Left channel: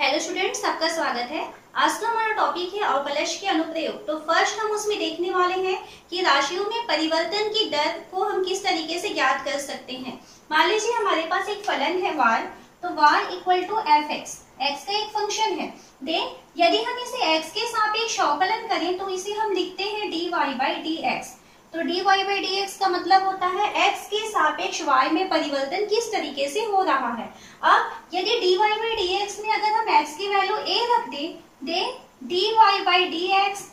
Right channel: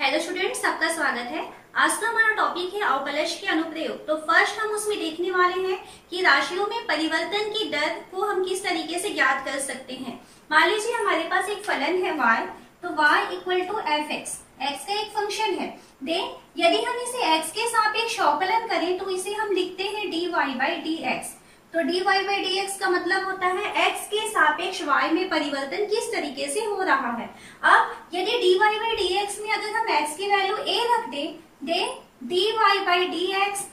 Hello students, सबका स्वागत है। आज का हमारा टॉपिक है अवकलज के अनुप्रयोग। तो फर्स्ट हम उसमें देखने वाले हैं कि राशियों में परिवर्तन की दर को हम किस तरीके से ज्ञात कर सकते हैं। मान लीजिए हमारे पास एक फलन है y, तो y equal to f x का एक फंक्शन है। देन यदि हम इसे x के सापेक्ष अवकलन करें तो इसे हम लिखते हैं dy बाई डी एक्स। तो dy बाई डी एक्स का मतलब होता है x के सापेक्ष y में परिवर्तन किस तरीके से हो रहा है। अब यदि dy बाई डी एक्स में अगर हम x की वैल्यू a रख दें dy बाई डी एक्स,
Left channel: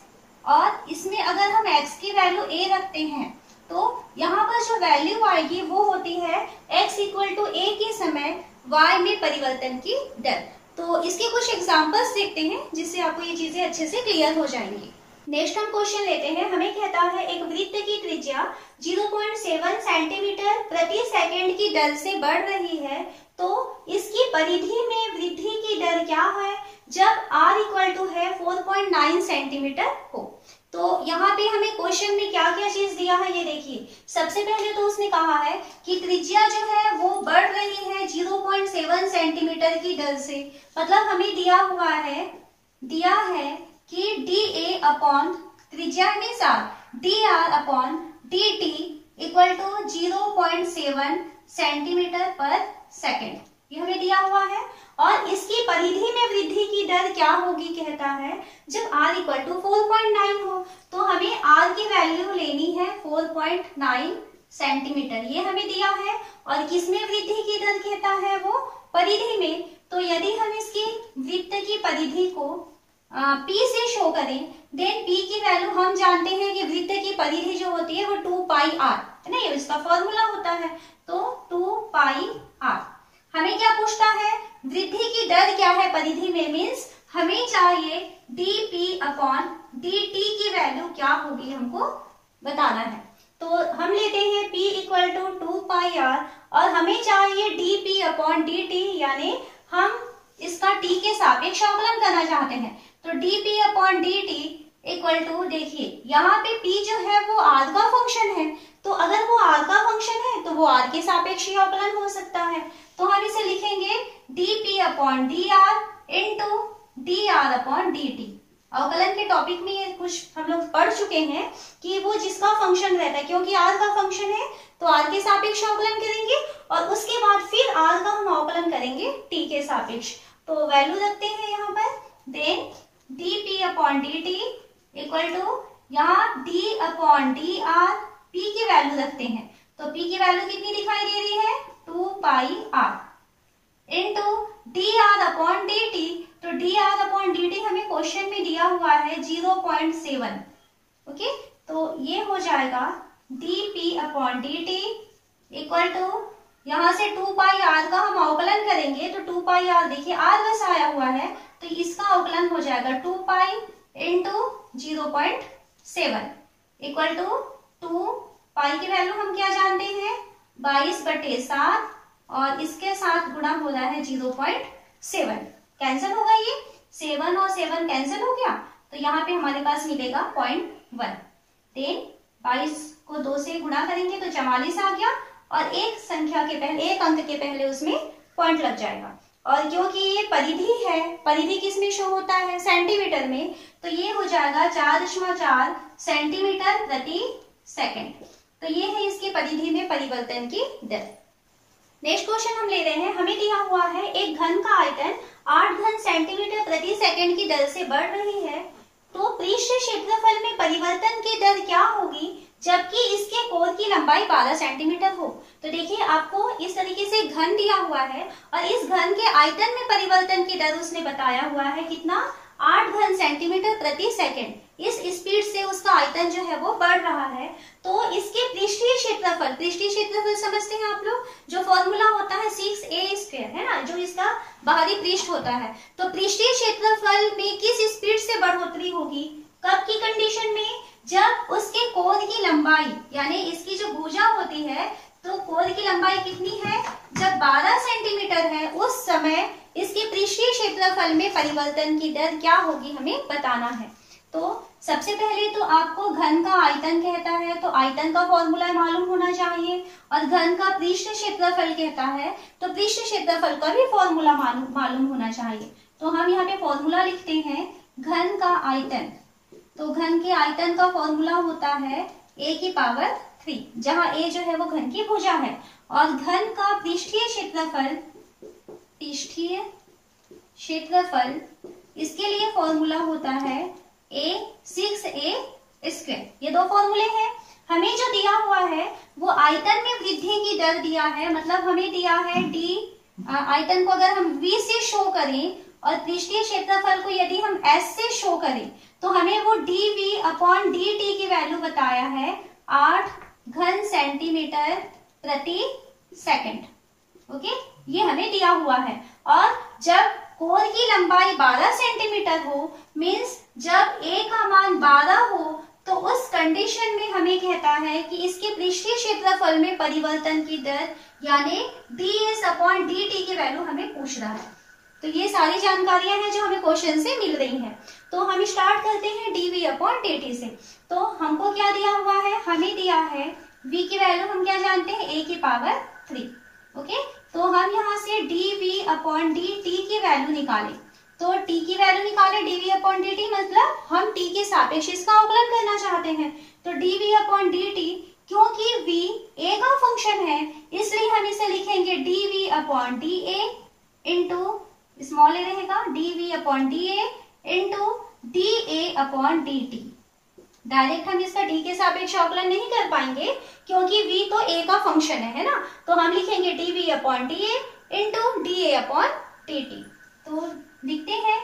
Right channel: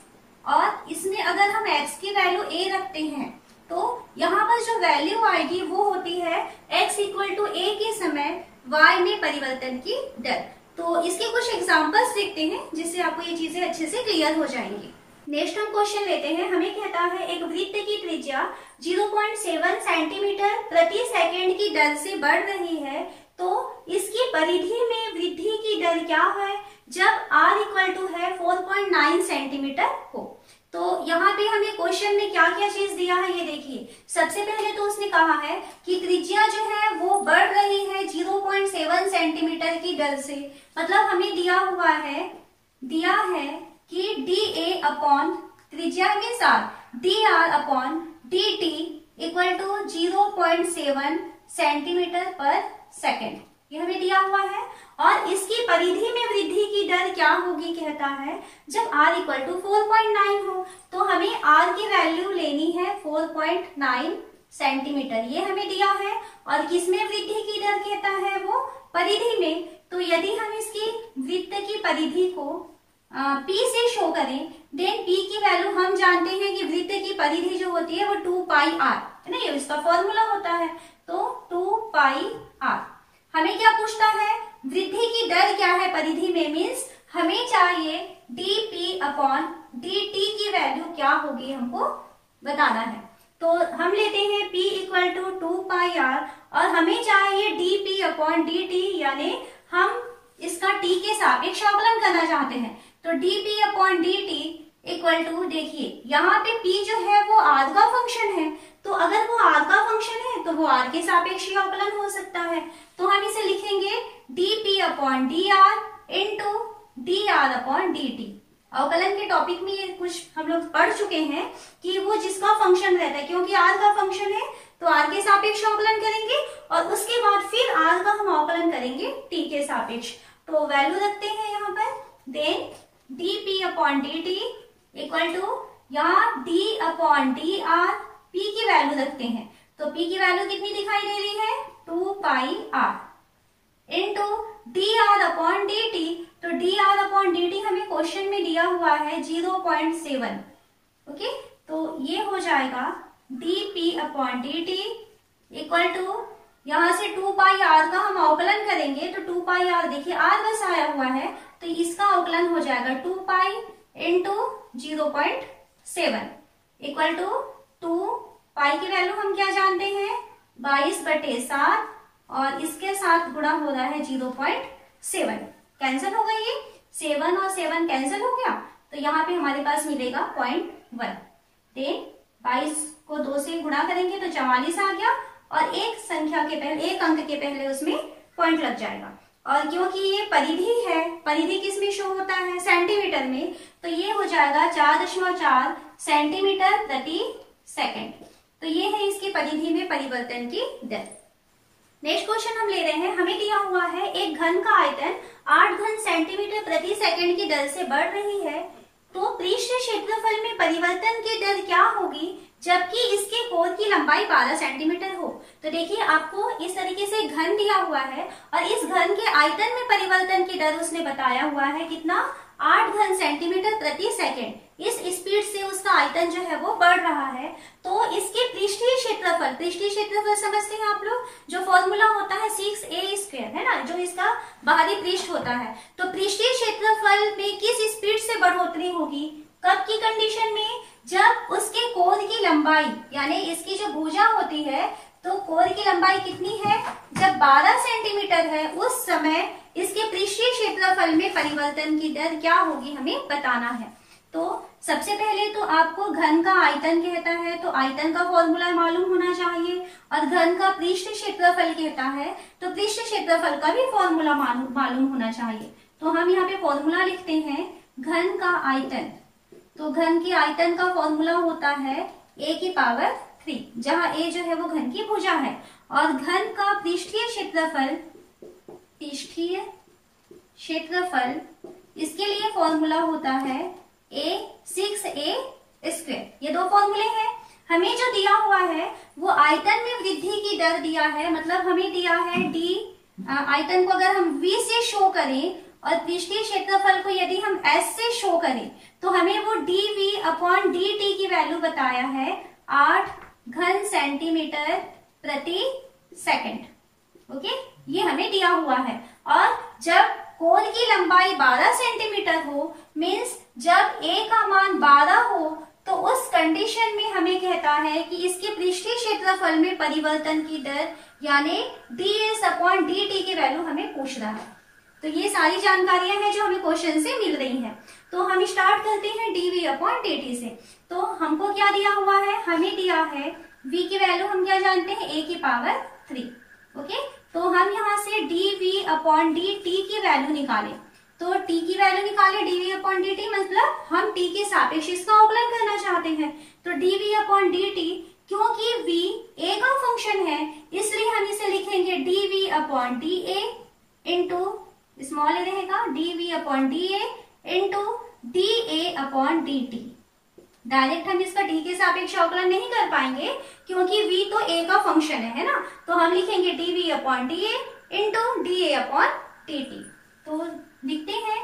और इसमें अगर हम x की वैल्यू a रखते हैं तो यहाँ पर जो वैल्यू आएगी वो होती है x इक्वल टू a के समय y में परिवर्तन की दर। तो इसके कुछ एग्जांपल्स देखते हैं जिससे आपको ये चीजें अच्छे से क्लियर हो जाएंगी। नेक्स्ट हम क्वेश्चन लेते हैं। हमें कहता है एक वृत्त की त्रिज्या 0.7 सेंटीमीटर प्रति सेकंड की दर से बढ़ रही है, तो इसकी परिधि में वृद्धि की दर क्या है जब r इक्वल टू है 4.9 सेंटीमीटर हो। तो यहाँ पे हमें क्वेश्चन में क्या क्या चीज दिया है ये देखिए। सबसे पहले तो उसने कहा है कि त्रिज्या जो है वो बढ़ रही है 0.7 सेंटीमीटर की दर से। मतलब हमें दिया है कि dA अपॉन त्रिज्या means r, dr upon dt equal to 0.7 centimetre पर सेकेंड, ये हमें दिया हुआ है। और इसकी परिधि में वृद्धि की दर क्या होगी कहता है जब r इक्वल टू 4.9 हो। तो हमें r की वैल्यू लेनी है 4.9 सेंटीमीटर, ये हमें दिया है। और किसमें वृद्धि की दर कहता है वो परिधि में। तो यदि हम इसकी वृत्त की परिधि को P से शो करें, देन P की वैल्यू हम जानते हैं कि वृत्त की परिधि जो होती है वो 2 पाई r है ना, ये इसका फॉर्मूला होता है। तो 2 पाई r हमें क्या पूछता है, वृद्धि की दर क्या है परिधि में, मीन्स हमें चाहिए dP अपॉन dt की वैल्यू क्या होगी हमको बताना है। तो हम लेते हैं P equal to 2 pi r और हमें चाहिए dP अपॉन dt, यानी हम इसका t के सापेक्ष अवकलन करना चाहते हैं। तो dP upon dt equal to, देखिए यहाँ पे P जो है वो r का फंक्शन है, तो अगर वो r का फंक्शन है तो वो r के सापेक्ष ही अवकलन हो सकता है। तो हम इसे लिखेंगे dP upon dr into dr upon dt। अवकलन के टॉपिक में ये कुछ हम लोग पढ़ चुके हैं कि वो जिसका फंक्शन रहता है, क्योंकि r का फंक्शन है तो r के सापेक्ष अवकलन करेंगे और उसके बाद फिर r का हम अवकलन करेंगे t के सापेक्ष। तो वैल्यू रखते हैं यहाँ पर, then dP upon dt equal to यहाँ d अपॉन dr, p की वैल्यू रखते हैं। तो p की वैल्यू कितनी दिखाई दे रही है 2 pi r into dr upon dt। तो dr अपॉन dt हमें क्वेश्चन में दिया हुआ है 0.7। ओके, तो ये हो जाएगा dP upon dt equal to, यहाँ से 2 पाई r का हम अवकलन करेंगे तो 2 पाई r, देखिए r बस आया हुआ है तो इसका अवकलन हो जाएगा 2 पाई इंटू 0.7 इक्वल टू 2 पाई की वैल्यू हम क्या जानते हैं 22/7 और इसके साथ गुणा हो रहा है 0.7। कैंसिल होगा, ये 7 और 7 कैंसिल हो गया, तो यहाँ पे हमारे पास मिलेगा 0.1। देन 22 को 2 से गुणा करेंगे तो 44 आ गया और एक अंक के पहले उसमें पॉइंट लग जाएगा। और क्योंकि ये परिधि है, परिधि किस में शो होता है सेंटीमीटर में, तो ये हो जाएगा 4.4 सेंटीमीटर प्रति सेकंड। तो ये है इसकी परिधि में परिवर्तन की दर। नेक्स्ट क्वेश्चन हम ले रहे हैं। हमें दिया हुआ है एक घन का आयतन 8 घन सेंटीमीटर प्रति सेकंड की दर से बढ़ रही है, तो पृष्ठ क्षेत्रफल में परिवर्तन की दर क्या होगी जबकि इसके कोण की लंबाई 12 सेंटीमीटर हो। तो देखिए आपको इस तरीके से घन दिया हुआ है और इस घन के आयतन में परिवर्तन की दर उसने बताया हुआ है कितना, 8 घन सेंटीमीटर प्रति सेकंड। इस स्पीड से उसका आयतन जो है वो बढ़ रहा है। तो इसके पृष्ठीय क्षेत्रफल समझते हैं आप लोग, जो फॉर्मूला होता है 6a² है ना, जो इसका बाहरी पृष्ठ होता है। तो पृष्ठीय क्षेत्रफल में किस स्पीड से बढ़ोतरी होगी, कब की कंडीशन में, जब उसके कोण की लंबाई, यानी इसकी जो भुजा होती है तो कोण की लंबाई कितनी है, जब 12 सेंटीमीटर है उस समय इसके पृष्ठीय क्षेत्रफल में परिवर्तन की दर क्या होगी हमें बताना है। तो सबसे पहले तो आपको घन का आयतन कहता है तो आयतन का फॉर्मूला मालूम होना चाहिए, और घन का पृष्ठ क्षेत्रफल कहता है तो पृष्ठ क्षेत्रफल का भी फॉर्मूला मालूम होना चाहिए। तो हम यहाँ पे फॉर्मूला लिखते हैं घन का आयतन। तो घन के आयतन का फॉर्मूला होता है a की पावर 3, जहां a जो है वो घन की भुजा है, और घन का पृष्ठीय क्षेत्रफल इसके लिए फॉर्मूला होता है a 6a स्क्वायर। ये दो फॉर्मूले हैं। हमें जो दिया हुआ है वो आयतन में वृद्धि की दर दिया है, मतलब हमें दिया है d आयतन को अगर हम v से शो करें और पृष्ठीय क्षेत्रफल को यदि हम s से शो करें तो हमें वो dv/dt की वैल्यू बताया है 8 घन सेंटीमीटर प्रति सेकंड। ओके, ये हमें दिया हुआ है। और जब कोण की लंबाई 12 सेंटीमीटर हो, मीन्स जब a का मान 12 हो, तो उस कंडीशन में हमें कहता है कि इसके पृष्ठीय क्षेत्रफल में परिवर्तन की दर यानी ds/dt की वैल्यू हमें पूछ रहा है। तो ये सारी जानकारियां हैं जो हमें क्वेश्चन से मिल रही हैं। तो हम स्टार्ट करते हैं dv/dt से। तो हमको क्या दिया हुआ है, हमें दिया है v की वैल्यू हम क्या जानते हैं, a की पावर 3। ओके, तो हम यहाँ से dv/dt की वैल्यू निकालें। तो t की वैल्यू निकाले dv/dt, मतलब हम t के सापेक्ष इसका अवकलन करना चाहते हैं। तो dv/dt, क्योंकि v a का फंक्शन है इसलिए हम इसे लिखेंगे dv/da इंटू स्मॉल ए रहेगा dv/da इंटू da/dt। डायरेक्ट हम इसका t के सापेक्ष अवकलन नहीं कर पाएंगे क्योंकि v तो a का फंक्शन है ना, तो हम लिखेंगे dv/da इंटू da/dt। तो लिखते हैं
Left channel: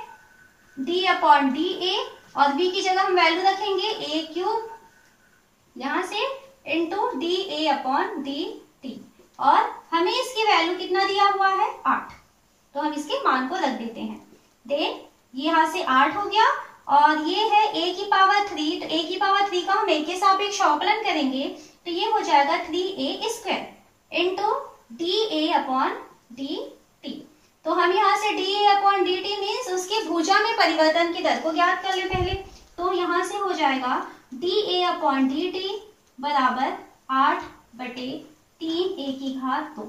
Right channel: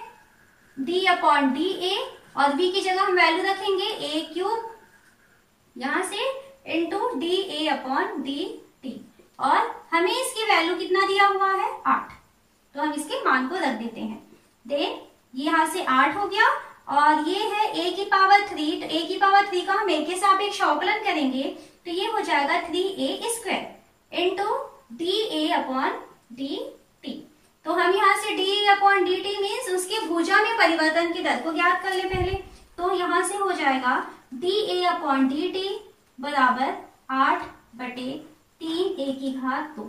d/da और v की जगह हम वैल्यू रखेंगे a³ यहां से इंटू da/dt, और हमें इसकी वैल्यू कितना दिया हुआ है, 8। तो हम इसके मान को रख देते हैं। देन यहाँ से 8 हो गया, और ये है a की पावर 3। तो a की पावर 3 का हम a के सापेक्ष अवकलन करेंगे तो ये हो जाएगा 3a स्क्वायर इंटू da/dt। तो हम यहाँ से da/dt मीन्स उसकी भुजा में परिवर्तन की दर को ज्ञात कर ले पहले। तो यहाँ से हो जाएगा da/dt बराबर 8/3a²।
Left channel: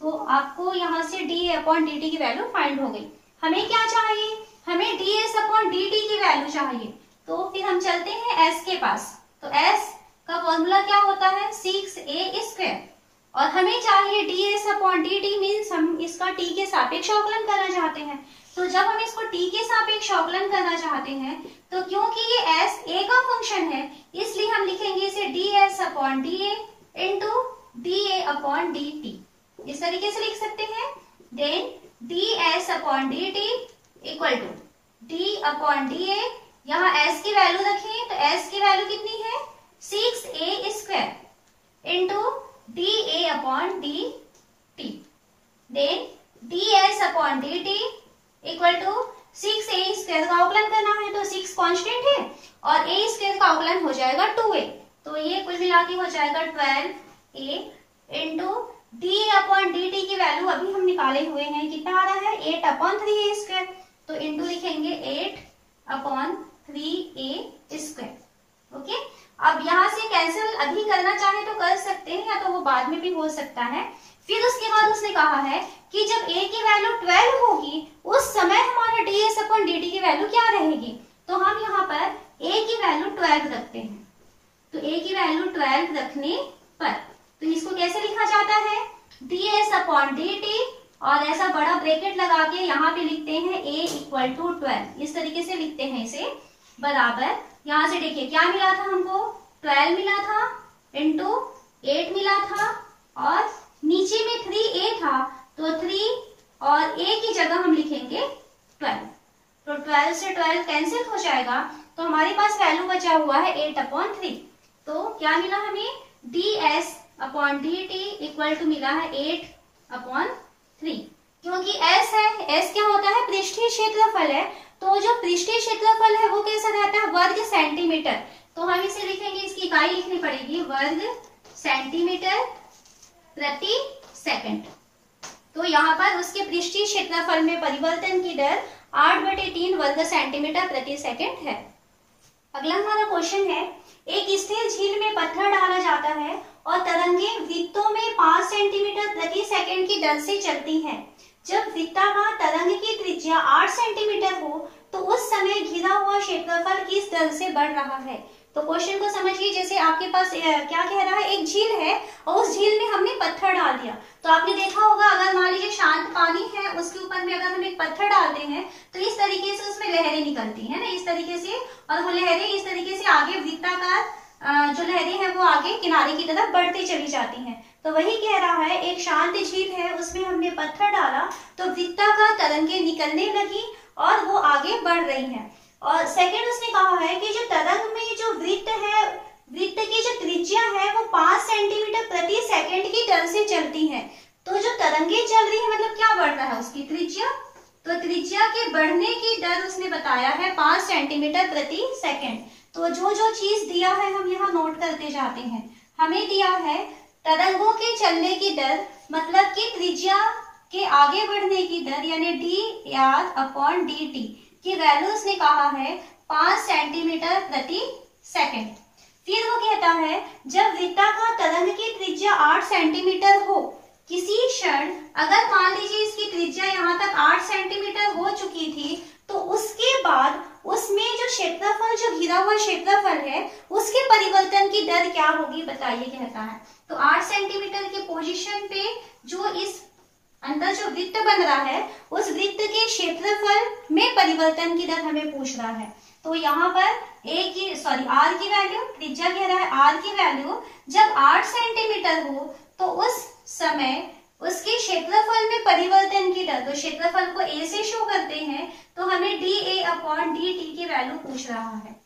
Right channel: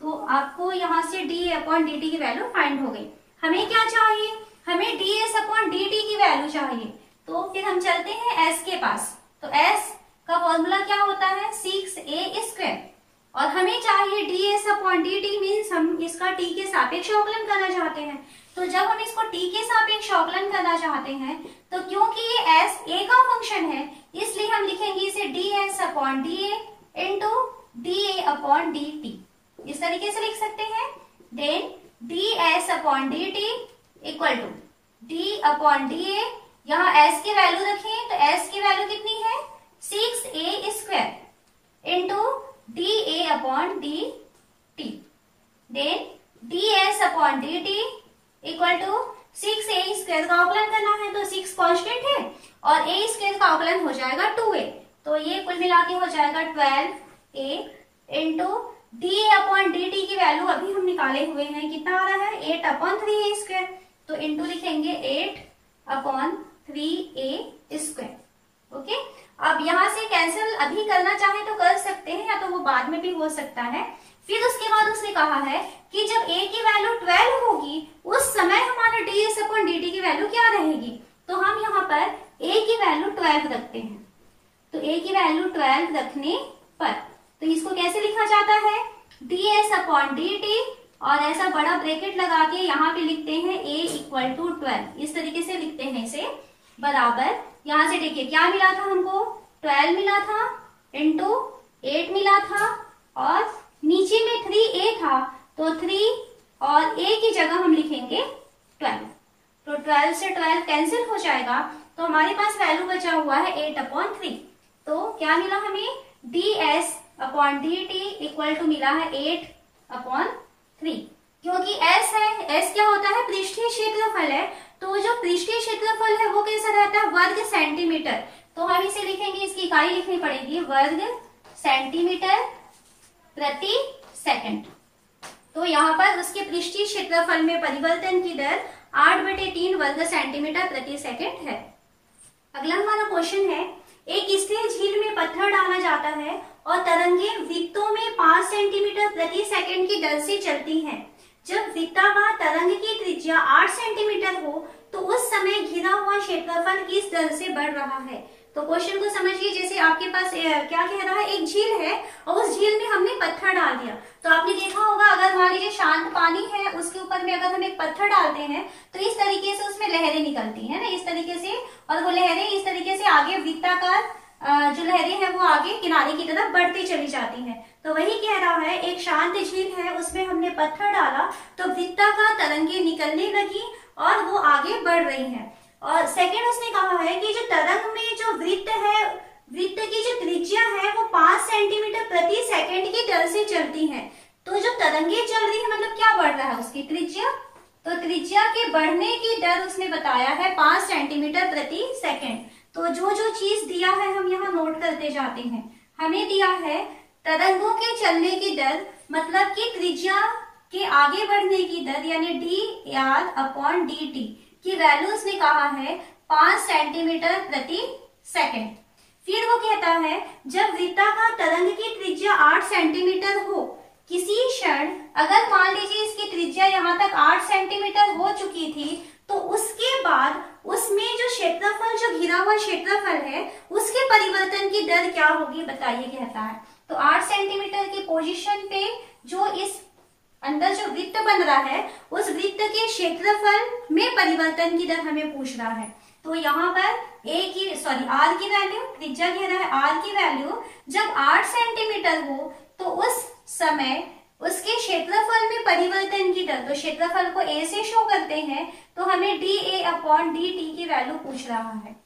तो आपको यहाँ से da/dt की वैल्यू फाइंड हो गई। हमें क्या चाहिए, हमें ds/dt की वैल्यू चाहिए। तो फिर हम चलते हैं s के पास। तो s का फॉर्मूला क्या होता है, 6a स्क्वायर, और हमें चाहिए ds/dt मीन्स हम इसका t के सापेक्ष अवकलन करना चाहते हैं। तो जब हम इसको t के सापेक्ष अवकलन करना चाहते हैं तो क्योंकि ये s a का फंक्शन है इसलिए हम लिखेंगे इसे ds/da इंटू da/dt। इस तरीके से लिख सकते हैं। Then ds/dt equal to d/da, यहाँ s की वैल्यू रखें तो s की वैल्यू कितनी है, 6a square into da/dt। Then ds/dt equal to 6a square का अवकलन करना है तो 6 कांस्टेंट है और a स्क्वायर का अवकलन हो जाएगा 2a। तो ये कुल मिला के हो जाएगा 12a इंटू da/dt की वैल्यू अभी हम निकाले हुए हैं, कितना आ रहा है, 8/3a स्क्वायर। तो इंटू लिखेंगे 8/3a स्क्वायर। ओके, अब यहाँ से कैंसिल अभी करना चाहे तो कर सकते हैं, या तो वो बाद में भी हो सकता है। फिर उसके बाद उसने कहा है कि जब a की वैल्यू 12 होगी उस समय हमारा ds/dt की वैल्यू क्या रहेगी। तो हम यहाँ पर a की वैल्यू 12 रखते हैं। तो a की वैल्यू 12 रखने पर तो इसको कैसे लिखा जाता है, ds/dt और ऐसा बड़ा ब्रैकेट लगा के यहाँ पे लिखते हैं a इक्वल टू 12। इस तरीके से लिखते हैं इसे, बराबर यहाँ से देखिए क्या मिला था हमको, 12 मिला था इंटू 8 मिला था और नीचे में 3a था, तो 3 और a की जगह हम लिखेंगे 12। तो 12 से 12 कैंसिल हो जाएगा तो हमारे पास वैल्यू बचा हुआ है 8/3। तो क्या मिला हमें, ds/dt इक्वल टू मिला है 8/3। क्योंकि s है, s क्या होता है, पृष्ठीय क्षेत्रफल है। तो जो पृष्ठीय क्षेत्रफल है वो कैसा रहता है, वर्ग सेंटीमीटर। तो हम इसे लिखेंगे, इसकी इकाई लिखनी पड़ेगी, वर्ग सेंटीमीटर प्रति सेकंड। तो यहाँ पर उसके पृष्ठीय क्षेत्रफल में परिवर्तन की दर 8/3 वर्ग सेंटीमीटर प्रति सेकंड है। अगला हमारा क्वेश्चन है, एक स्थिर झील में पत्थर डाला जाता है और तरंगे वृत्तों में 5 सेंटीमीटर प्रति सेकंड की दर से चलती हैं। जब वृत्ताकार तरंग की त्रिज्या 8 सेंटीमीटर हो तो उस समय घिरा हुआ क्षेत्रफल किस दर से बढ़ रहा है। तो क्वेश्चन को समझिए, जैसे आपके पास क्या कह रहा है, एक झील है और उस झील में हमने पत्थर डाल दिया। तो आपने देखा होगा, अगर मान लीजिए शांत पानी है, उसके ऊपर में अगर हम एक पत्थर डालते हैं तो इस तरीके से उसमें लहरें निकलती है ना, इस तरीके से, और वो लहरें इस तरीके से आगे वृत्ताकार जो लहरें हैं वो आगे किनारे की तरफ बढ़ती चली जाती हैं। तो वही कह रहा है, एक शांत झील है, उसमें हमने पत्थर डाला तो वृत्ताकार तरंगें निकलने लगी और वो आगे बढ़ रही हैं। और सेकंड उसने कहा है कि जो तरंग में जो वृत्त है, वृत्त की जो त्रिज्या है वो 5 सेंटीमीटर प्रति सेकंड की दर से चलती है। तो जो तरंगे चल रही है मतलब क्या बढ़ रहा है, उसकी त्रिज्या। तो त्रिज्या के बढ़ने की दर उसने बताया है 5 सेंटीमीटर प्रति सेकंड। तो जो जो चीज दिया है हम यहाँ नोट करते जाते हैं। हमें दिया है तरंगों के चलने की दर, मतलब कि त्रिज्या के आगे बढ़ने की दर यानी dr/dt की वैल्यू उसने कहा है 5 सेंटीमीटर प्रति सेकंड। फिर वो कहता है जब वृत्ताकार तरंग की त्रिज्या 8 सेंटीमीटर हो, किसी क्षण अगर मान लीजिए इसकी त्रिज्या यहाँ तक 8 सेंटीमीटर हो चुकी थी तो उसके बाद उसमें जो क्षेत्रफल, जो घिरा हुआ क्षेत्रफल है, उसके परिवर्तन की दर क्या होगी बताइए, कहता है। तो 8 सेंटीमीटर की पोजीशन पे जो इस अंदर जो वृत्त बन रहा है उस वृत्त के क्षेत्रफल में परिवर्तन की दर हमें पूछ रहा है। तो यहाँ पर आर की वैल्यू, त्रिज्या कह रहा है आर की वैल्यू जब 8 सेंटीमीटर हो तो उस समय उसके क्षेत्रफल में परिवर्तन की दर, तो क्षेत्रफल को ए से शो करते हैं तो हमें dA/dt की वैल्यू पूछ रहा है।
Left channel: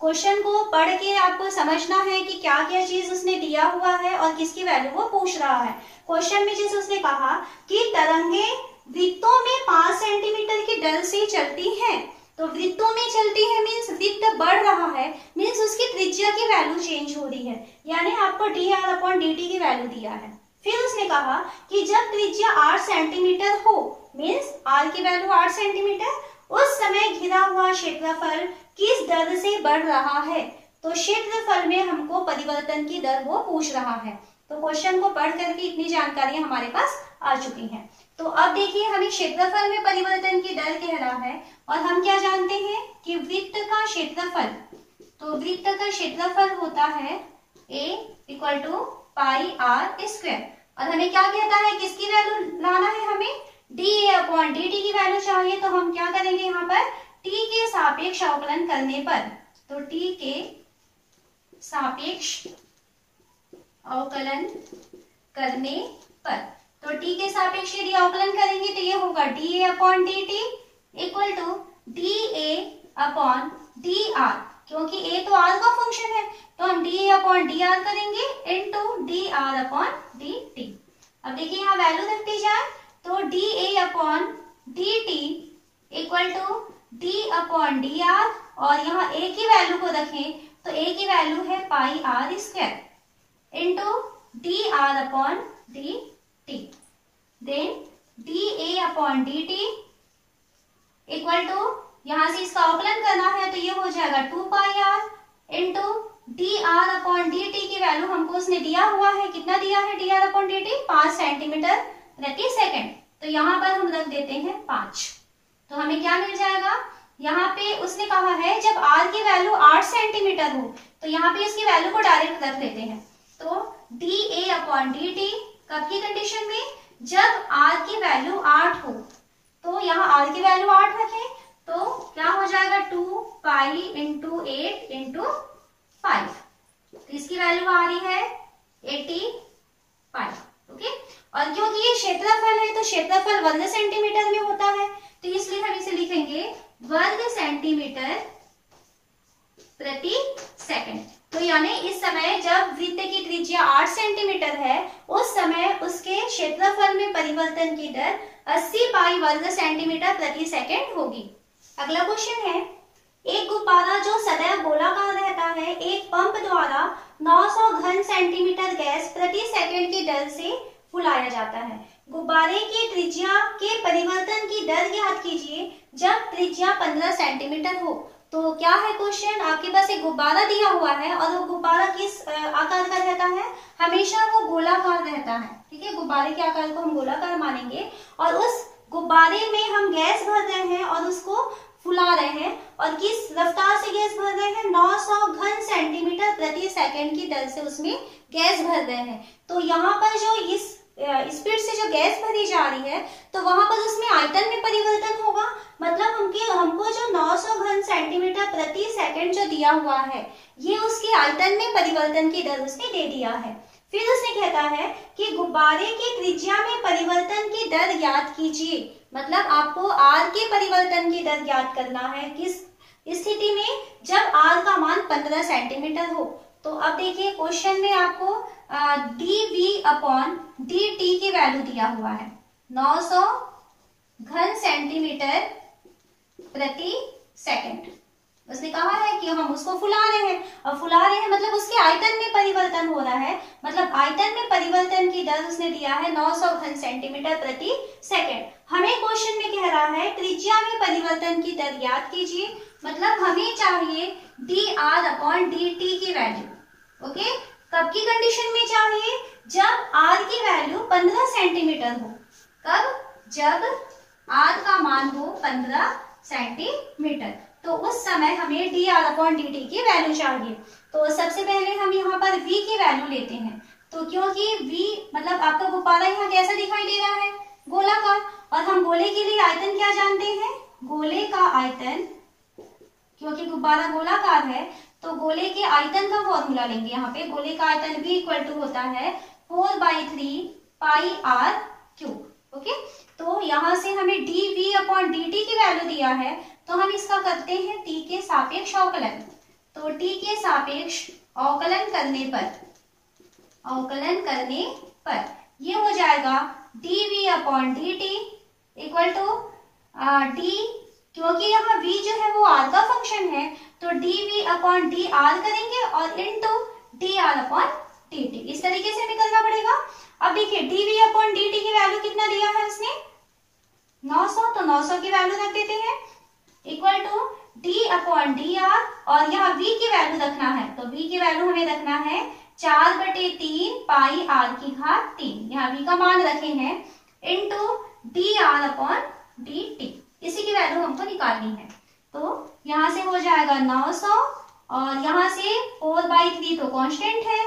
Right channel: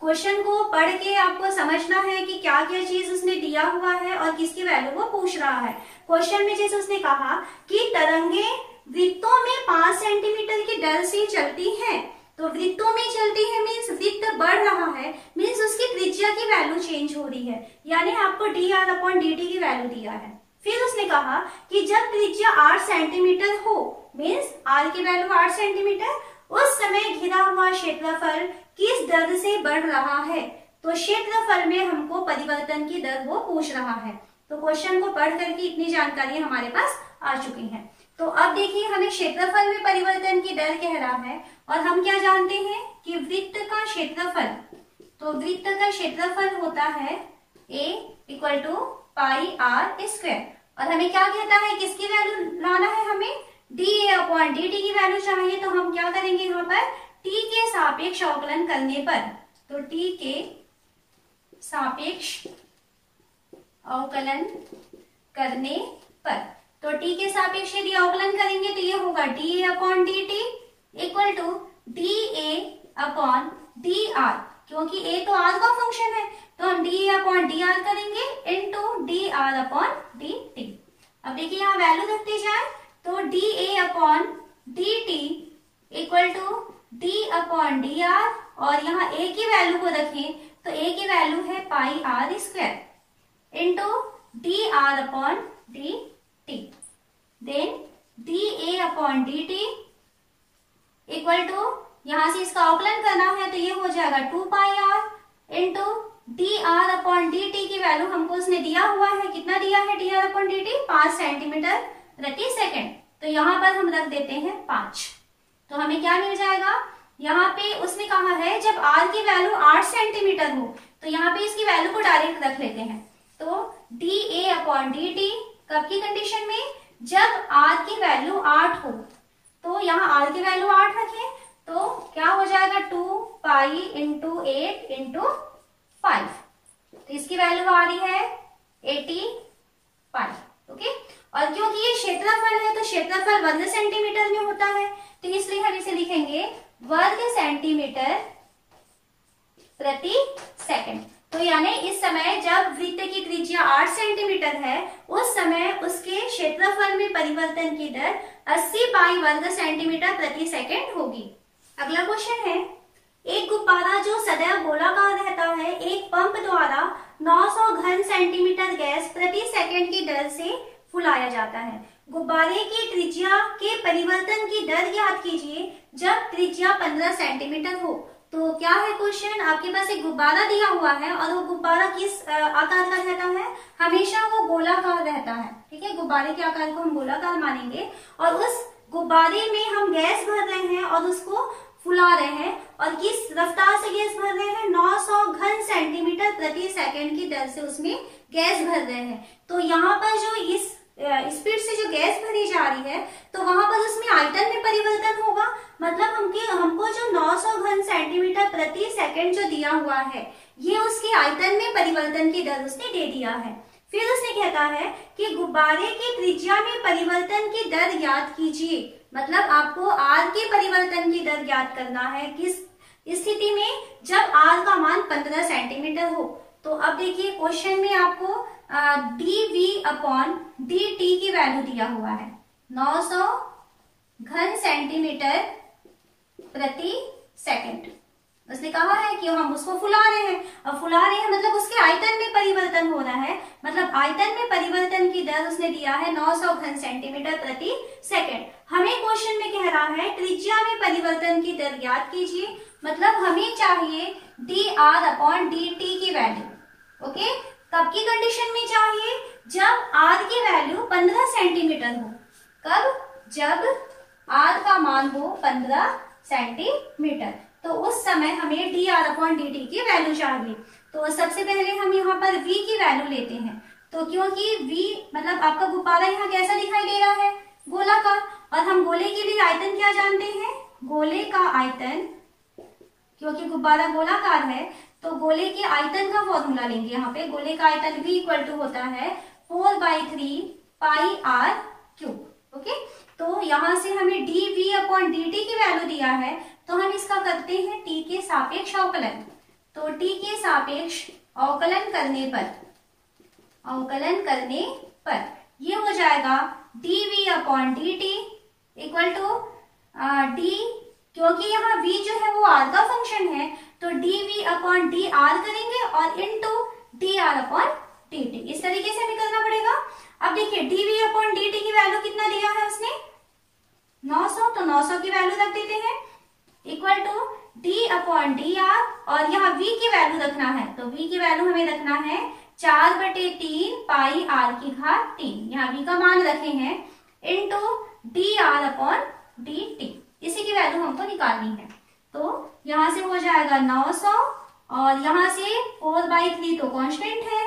क्वेश्चन को पढ़ के आपको समझना है कि क्या क्या चीज उसने दिया हुआ है और किसकी वैल्यू वो पूछ रहा है। क्वेश्चन में जैसे उसने कहा कि तरंगे वृत्तों में 5 सेंटीमीटर की दर से चलती हैं, तो वृत्तों में चलती है मीन्स वृत्त बढ़ रहा है, मीन्स उसकी त्रिज्या की वैल्यू चेंज हो रही है, यानी आपको dr/dt की वैल्यू दिया है। फिर उसने कहा कि जब त्रिज्या 8 सेंटीमीटर हो, मीन्स r की वैल्यू 8 सेंटीमीटर, उस समय घिरा हुआ क्षेत्रफल किस दर से बढ़ रहा है। तो क्षेत्रफल में हमको परिवर्तन की दर वो पूछ रहा है। तो क्वेश्चन को पढ़ करके इतनी जानकारी हमारे पास आ चुकी है। तो अब देखिए, हमें क्षेत्रफल में परिवर्तन की दर कह रहा है और हम क्या जानते हैं कि वृत्त का क्षेत्रफल, तो वृत्त का क्षेत्रफल होता है a = πr²। और हमें क्या कहता है, किसकी वैल्यू लाना है, हमें dA/dt की वैल्यू चाहिए। तो हम क्या करेंगे, यहाँ पर t के सापेक्ष अवकलन करने पर, तो t के सापेक्ष अवकलन करने पर, तो t के सापेक्ष यदि अवकलन करेंगे तो ये होगा dA/dt = dA/dr, क्योंकि a तो r का फंक्शन है तो हम dA/dr करेंगे इनटू dr/dt। अब देखिए यहाँ वैल्यू रखते जाए तो dA/dt = d/dr, और यहाँ a की वैल्यू को रखें तो a की वैल्यू है πr² into dr/dt। Then dA/dt यहाँ से इसका अवकलन करना है तो ये हो जाएगा 2πr इंटू dr/dt की वैल्यू हमको उसने दिया हुआ है, कितना दिया है dr/dt, 5 सेंटीमीटर प्रति सेकंड। तो यहाँ पर हम रख देते हैं 5। तो हमें क्या मिल जाएगा, यहाँ पे उसने कहा है जब r की वैल्यू 8 सेंटीमीटर हो, तो यहाँ पे इसकी वैल्यू को डायरेक्ट रख लेते हैं। तो dA/dt कब की कंडीशन में, जब r की वैल्यू 8 हो, तो यहाँ r की वैल्यू 8 रखें तो क्या हो जाएगा 2π × 8 × 5, तो इसकी वैल्यू आ रही है 85। ओके, और क्योंकि ये क्षेत्रफल है तो क्षेत्रफल वर्ग सेंटीमीटर में होता है, तो इसलिए हम इसे लिखेंगे वर्ग सेंटीमीटर प्रति सेकंड। तो यानी इस समय जब वृत्त की त्रिज्या 8 सेंटीमीटर है, उस समय उसके क्षेत्रफल में परिवर्तन की दर 80 पाई वर्ग सेंटीमीटर प्रति सेकंड होगी। अगला क्वेश्चन है, एक गुब्बारा जो सदैव गोलाकार रहता है, एक पंप द्वारा 900 घन सेंटीमीटर गैस प्रति सेकंड की दर से फुलाया जाता है। गुब्बारे की त्रिज्या के परिवर्तन की दर ज्ञात कीजिए जब त्रिज्या 15 सेंटीमीटर हो। तो क्या है क्वेश्चन, आपके पास एक गुब्बारा दिया हुआ है और वो गुब्बारा किस आकार का रहता है, हमेशा वो गोलाकार रहता है। ठीक है, गुब्बारे के आकार को हम गोलाकार मानेंगे और उस गुब्बारे में हम गैस भर रहे हैं और उसको फुला रहे हैं, और किस रफ्तार से गैस भर रहे हैं, 900 घन सेंटीमीटर प्रति सेकंड की दर से उसमें गैस भर रहे हैं। तो यहाँ पर जो इस स्पीड से जो गैस भरी जा रही है, तो वहां पर उसमें आयतन में परिवर्तन होगा। मतलब हमको जो 900 घन सेंटीमीटर प्रति सेकंड जो दिया हुआ है, ये उसके आयतन में परिवर्तन की दर उसने दे दिया है। फिर उसने कहता है कि गुब्बारे के त्रिज्या में परिवर्तन की दर ज्ञात कीजिए। मतलब आपको आर के परिवर्तन की दर ज्ञात करना है किस स्थिति में, जब आर का मान 15 सेंटीमीटर हो। तो अब देखिए क्वेश्चन में आपको dv अपॉन dt की वैल्यू दिया हुआ है 900 घन सेंटीमीटर प्रति सेकंड। उसने कहा है कि हम उसको फुला रहे हैं, और फुला रहे हैं मतलब उसके आयतन में परिवर्तन हो रहा है। मतलब आयतन में परिवर्तन की दर उसने दिया है 900 घन सेंटीमीटर प्रति सेकंड। हमें क्वेश्चन में कह रहा है त्रिज्या में परिवर्तन की दर ज्ञात कीजिए। मतलब हमें चाहिए dr अपॉन dt की वैल्यू। ओके, कब की कंडीशन में चाहिए, जब r की वैल्यू 15 सेंटीमीटर हो। कब, जब r का मान हो 15 सेंटीमीटर, तो उस समय हमें dr अपॉन dt की वैल्यू चाहिए। तो सबसे पहले हम यहाँ पर v की वैल्यू लेते हैं। तो क्योंकि v मतलब आपका गुब्बारा यहाँ कैसा दिखाई दे रहा है, गोलाकार, और हम गोले के लिए आयतन क्या जानते हैं, गोले का आयतन, क्योंकि गुब्बारा गोलाकार है तो गोले के आयतन का फॉर्मूला लेंगे। यहाँ पे गोले का आयतन v इक्वल टू होता है 4/3 पाई r क्यूब। ओके, तो यहाँ से हमें dv अपॉन dt की वैल्यू दिया है, तो हम इसका करते हैं t के सापेक्ष अवकलन। तो t के सापेक्ष अवकलन करने पर ये हो जाएगा dv upon dt equal to d, क्योंकि यहाँ v जो है वो r का फंक्शन है, तो dv अपॉन dr करेंगे और इनटू dr अपॉन dt। इस तरीके से हमें करना पड़ेगा। अब देखिए dv अपॉन dt की वैल्यू कितना दिया है उसने, 900, तो 900 की वैल्यू रख देते हैं equal to d upon dr, और यहाँ v की वैल्यू रखना है, तो v की वैल्यू हमें रखना है 4/3 पाई r की घात 3, यहाँ v का मान रखे हैं, इनटू dr अपॉन dt। इसी की वैल्यू हमको निकालनी है। तो यहाँ से हो जाएगा 900, और यहाँ से 4/3 तो कांस्टेंट है,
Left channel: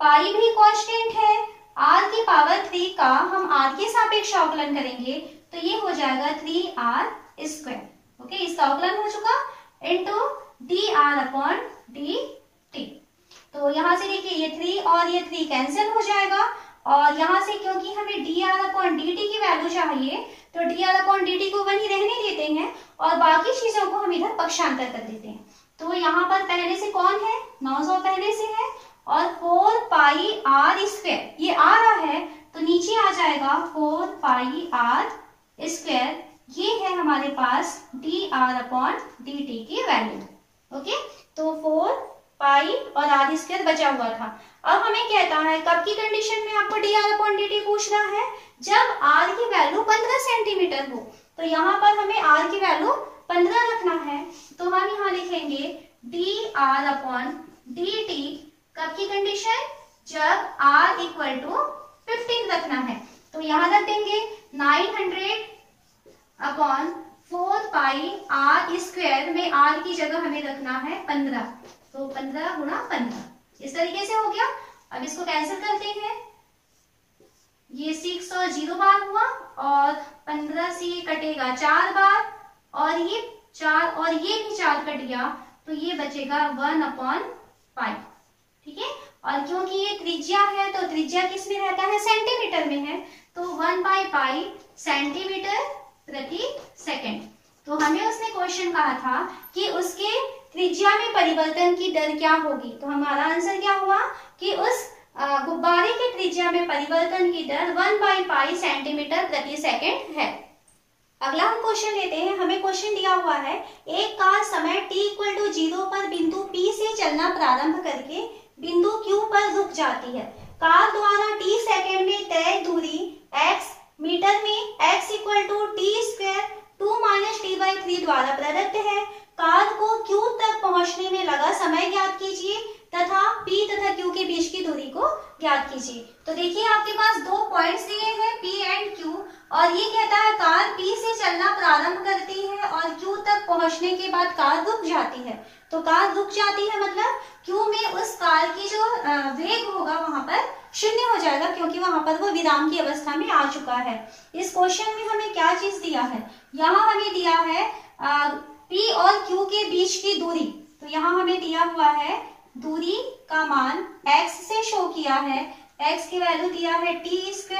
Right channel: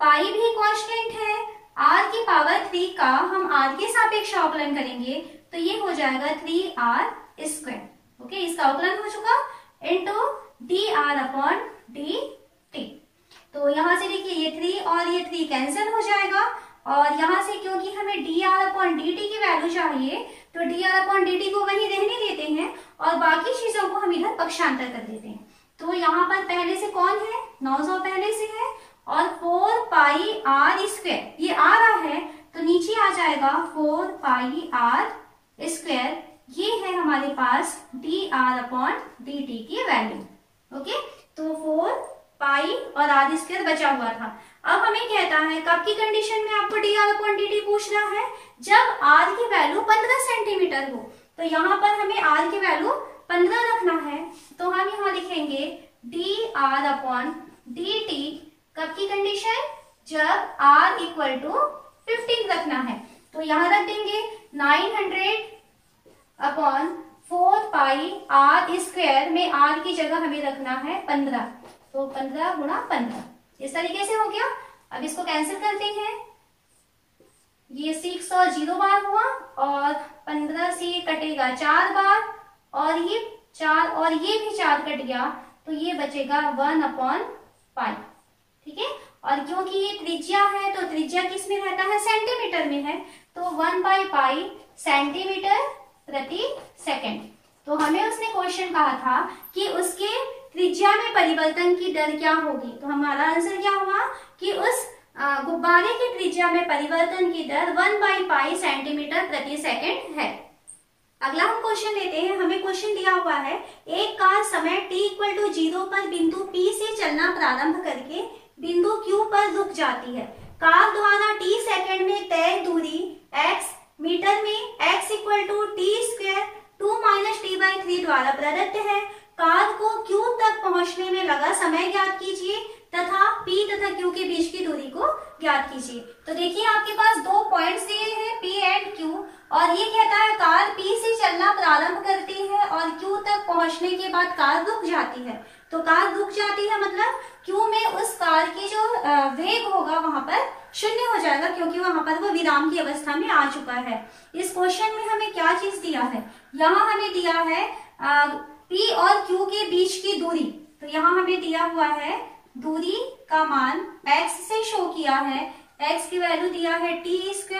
पाई भी कांस्टेंट है, r की पावर 3 का हम r के सापेक्ष अवकलन करेंगे, तो ये हो जाएगा 3r स्क्वायर। ओके, इसका अवकलन हो चुका, इनटू dr अपॉन dt। तो यहाँ से देखिए ये 3 और ये 3 कैंसिल हो जाएगा, और यहाँ से क्योंकि हमें dr अपॉन dt की वैल्यू चाहिए, तो dr अपॉन dt को वहीं रहने देते हैं और बाकी चीजों को हम इधर पक्षांतर कर देते हैं। तो यहाँ पर पहले से कौन है, 900 पहले से है, और 4 पाई r स्क्वायर ये आ रहा है, तो नीचे आ जाएगा 4 पाई r स्क्वायर, ये है हमारे पास dr अपॉन dt की वैल्यू। ओके, तो 4 पाई और r स्क्वायर बचा हुआ था। अब हमें कहता है कब की कंडीशन में आपको dr अपॉन dt पूछ रहा है, जब r की वैल्यू 15 सेंटीमीटर हो। तो यहाँ पर हमें r की वैल्यू 15 रखना है, तो हम यहाँ लिखेंगे dr अपॉन dt। कब की कंडीशन, जब r इक्वल टू 15 रखना है, तो यहाँ रख देंगे 900 अपॉन 4 पाई r स्क्वायर में r की जगह हमें रखना है 15, तो 15 गुणा 15, इस तरीके से हो गया। अब इसको कैंसिल करते हैं, ये 6 और 0 बार हुआ, और 15 से कटेगा 4 बार, और ये 4 और ये भी 4 कट गया, तो ये बचेगा 1/5। ठीक है, और क्योंकि ये त्रिज्या है, तो त्रिज्या किस में रहता है, सेंटीमीटर में है, तो 1/5 सेंटीमीटर प्रति सेकंड। तो हमें उसने क्वेश्चन कहा था कि उसके त्रिज्या में परिवर्तन की दर क्या होगी, तो हमारा आंसर क्या हुआ कि उस गुब्बारे की त्रिज्या में परिवर्तन की दर 1/5 सेंटीमीटर प्रति सेकंड है। अगला हम क्वेश्चन लेते हैं। हमें क्वेश्चन दिया हुआ है, एक कार समय t इक्वल टू 0 पर बिंदु P से चलना प्रारंभ करके बिंदु Q पर रुक जाती है। कार द्वारा t सेकंड में तय दूरी x मीटर में x equal to t square 2 - t/3 द्वारा प्रदत्त है। कार को Q तक पहुंचने में लगा समय ज्ञात कीजिए तथा P तथा Q के बीच की दूरी को ज्ञात कीजिए। तो देखिए आपके पास दो पॉइंट्स दिए हैं P एंड Q, और ये कहता है कार P से चलना प्रारंभ करती है और Q तक पहुंचने के बाद कार रुक जाती है। तो कार रुक जाती है मतलब Q में उस कार की जो वेग होगा वहां पर शून्य हो जाएगा, क्योंकि वहां पर वो विराम की अवस्था में आ चुका है। इस क्वेश्चन में हमें क्या चीज दिया है, यहाँ हमें दिया है P और Q के बीच की दूरी। तो यहाँ हमें दिया हुआ है दूरी का मान x से शो किया है, x की वैल्यू दिया है t²,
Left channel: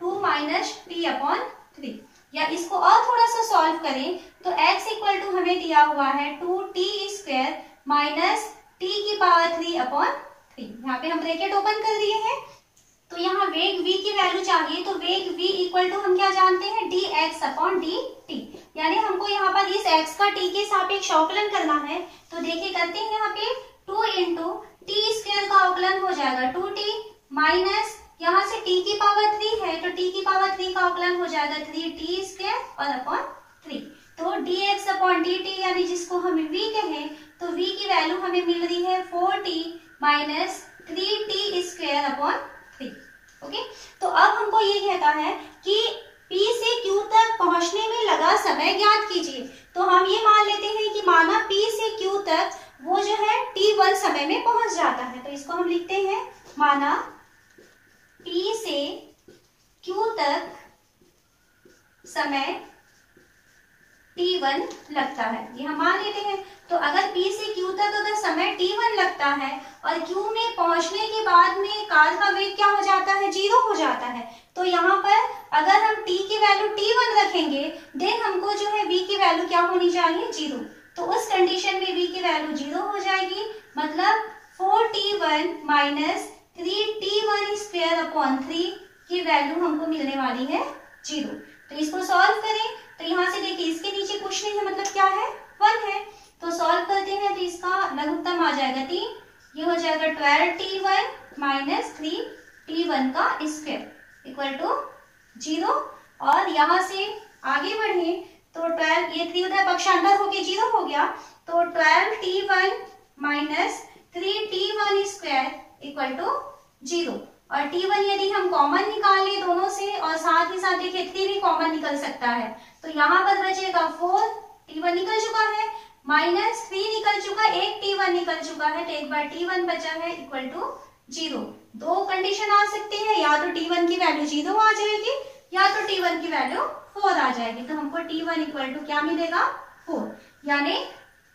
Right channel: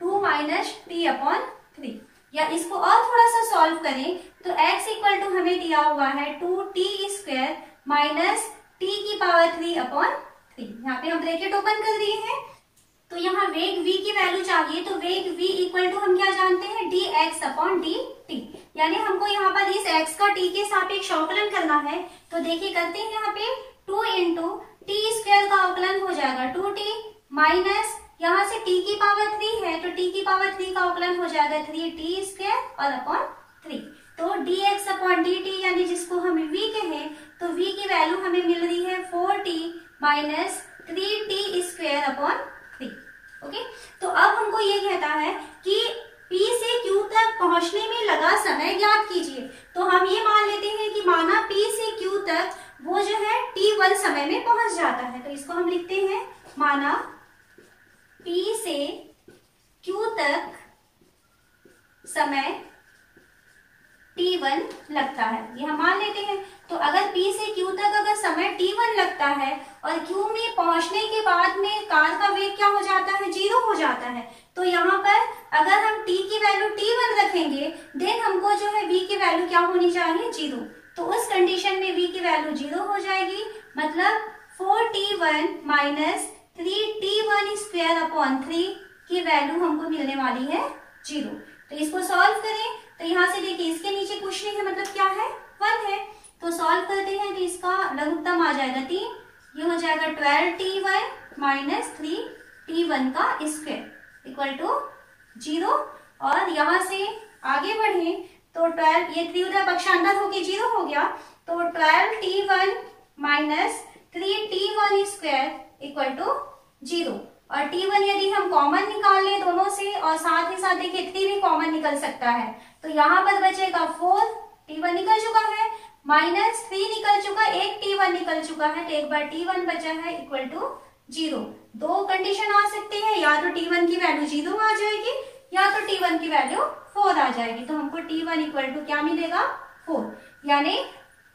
2 माइनस t/3। या इसको और थोड़ा सा सॉल्व करें तो x इक्वल टू हमें दिया हुआ है 2t² माइनस t⁻3/3। यहाँ पे हम ब्रैकेट ओपन कर दिए हैं। तो यहाँ वेग v की वैल्यू चाहिए, तो वेग v इक्वल टू हम क्या जानते हैं, dx/dt। यानी हमको यहाँ पर इस x का t के सापेक्ष अवकलन करना है। तो देखिए करते हैं, यहाँ पे 2 इंटू t² का अवकलन हो जाएगा 2t माइनस यहाँ से t⁻3 है तो t⁻3 का अवकलन हो जाएगा 3t² और अपॉन 3। तो dx/dt यानी जिसको हम v कहें, तो v की वैल्यू हमें मिल रही है 4t माइनस 3t²/3। ओके, तो अब हमको ये कहता है कि P से Q तक पहुंचने में लगा समय ज्ञात कीजिए। तो हम ये मान लेते हैं कि माना P से Q तक वो जो है t1 समय में पहुंच जाता है। तो इसको हम लिखते हैं, माना P से Q तक समय t1 लगता है, ये हम मान लेते हैं। तो अगर P से Q तक अगर समय t1 लगता है और Q में पहुंचने के बाद में कार का वेग क्या हो जाता है, 0 हो जाता है। तो यहाँ पर अगर हम t की वैल्यू t1 रखेंगे, देन हमको जो है v की वैल्यू क्या होनी चाहिए, 0। तो उस कंडीशन में v की वैल्यू 0 हो जाएगी, मतलब 4t1 माइनस 3t1²/3 की वैल्यू हमको मिलने वाली है 0। तो इसको सॉल्व करें तो यहाँ से देखिए इसके नीचे कुछ नहीं है, मतलब क्या है, 1 है। तो सॉल्व करते हैं तो इसका लघुत्तम आ जाएगा 3, ये हो जाएगा 12t1 माइनस 3t1 का स्क्वायर इक्वल टू 0। और यहाँ से आगे बढ़े तो 12, ये 3 उधर पक्षांतर होके 0 हो गया, तो 12t1 minus 3t1² equal to 0। और t1 यदि हम कॉमन निकाल ले दोनों से, और साथ ही साथ देखिए 3 भी कॉमन निकल सकता है, तो यहाँ पर बचेगा 4, t1 निकल चुका है, माइनस 3 निकल चुका, एक t1 निकल चुका है, तो एक बार t1 बचा है इक्वल टू 0। दो कंडीशन आ सकती है, या तो t1 की वैल्यू 0 आ जाएगी या तो t1 की वैल्यू 4 आ जाएगी। तो हमको t1 इक्वल टू क्या मिलेगा, 4। यानी